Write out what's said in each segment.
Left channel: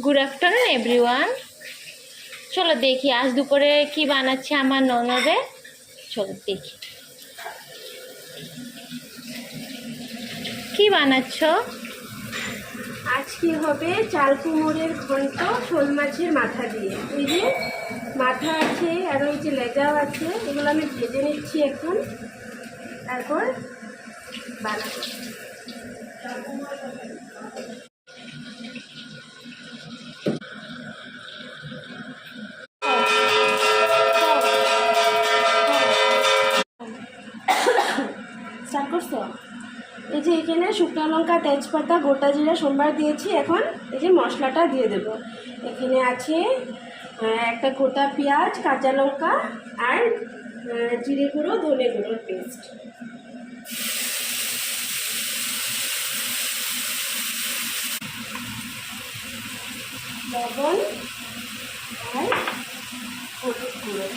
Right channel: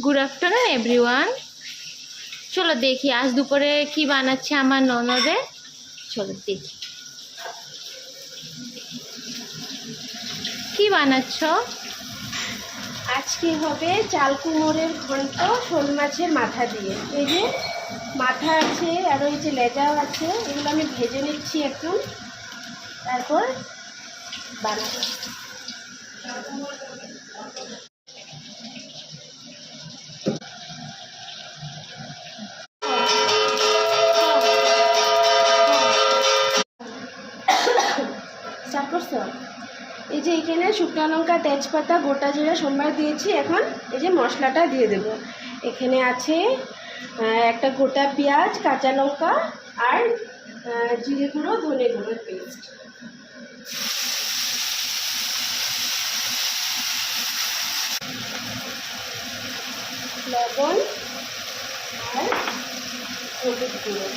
Good afternoon everyone. চলো দেখি আজ দুপুরে কি বানাচ্ছে আমার ননদে। চলো দেখি কি বানাচ্ছ। আজকে হবে চাল কুমড়োর ঘন্ট শোল মাছের মাথা দিয়ে। এই যে মাথা আছে আর ওই যে লেজাও আছে, এগুলো আমি ভেজে নিচ্ছি এখন, তারপর বানাবো। স্টার্ট করছো? এই যে এখানে শুকনো লঙ্কা, তেজপাতা, গোটা জিরা সোমবার দিয়েছি। এখন এই যে মশলাটা দিয়ে দেব। এখানে আছে একটা গোটা পেঁয়াজ, কাঁচা লঙ্কা আর জিরে গুঁড়ো, ধনে গুঁড়োর পেস্ট। লবণ আর হলুদ গুঁড়ো।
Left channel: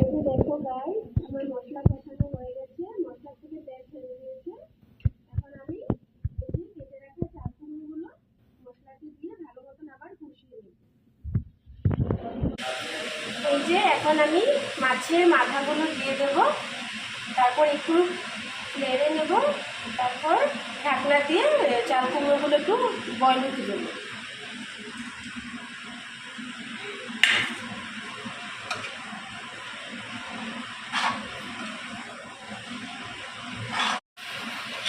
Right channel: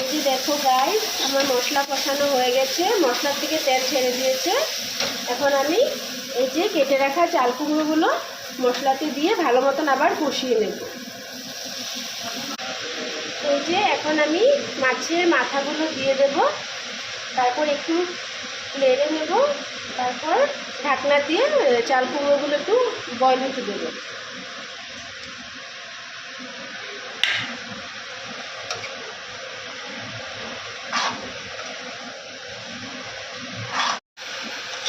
এই যে দেখো গাইস, আমার মশলা কষানো হয়ে গেছে, মশলার থেকে তেল ছেড়ে দিয়েছে। এখন আমি এই যে কেটে রাখা চাল কুমড়োগুলো মশলাতে দিয়ে ভালো মতন আবার কষিয়ে নেব। এই যে এখন আমি মাছের মাথাগুলো দিয়ে দেব, তারপর একটু নেড়ে নেব, তারপর ঢাকনা দিয়ে চাল কুমড়োগুলো একটু বয়ল হতে দেবো।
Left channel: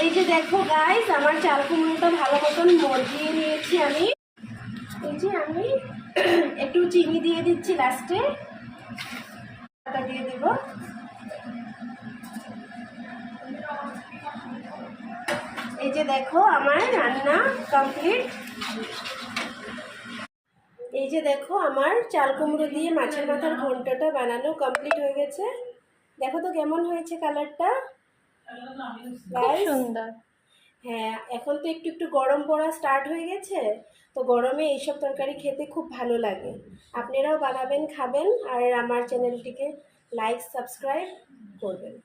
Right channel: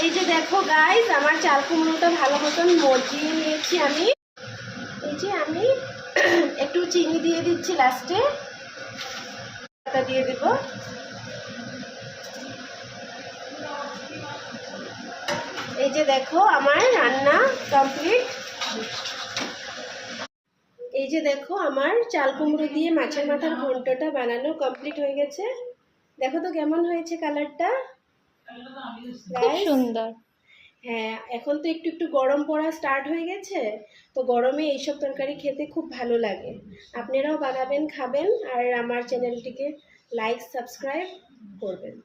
এই যে দেখো গাইস, আমার চাল কুমড়োটা ভালো মতন মজিয়ে নিয়েছি আমি। এই যে আমি একটু চিনি দিয়ে দিচ্ছি লাস্টে, দিয়ে দেব। এই যে দেখো আমার রান্না কমপ্লিট। এই যে দেখো আমার চাল কুমড়ো দিয়ে মাছের মাথার ঘন্টটা বানানো কমপ্লিট হয়ে গেছে। দেখো তো কেমন হয়েছে কালারটা। খুব সুন্দর। হ্যাঁ, এখন তো একটু একটু গরম পড়া স্টার্ট হয়ে গেছে, তো গরমে এইসব তরকারি খেতে খুব ভালো লাগে। আপনারাও বানাবেন, খাবেন, আর আমার চ্যানেলটিকে লাইক সাবস্ক্রাইব করবেন।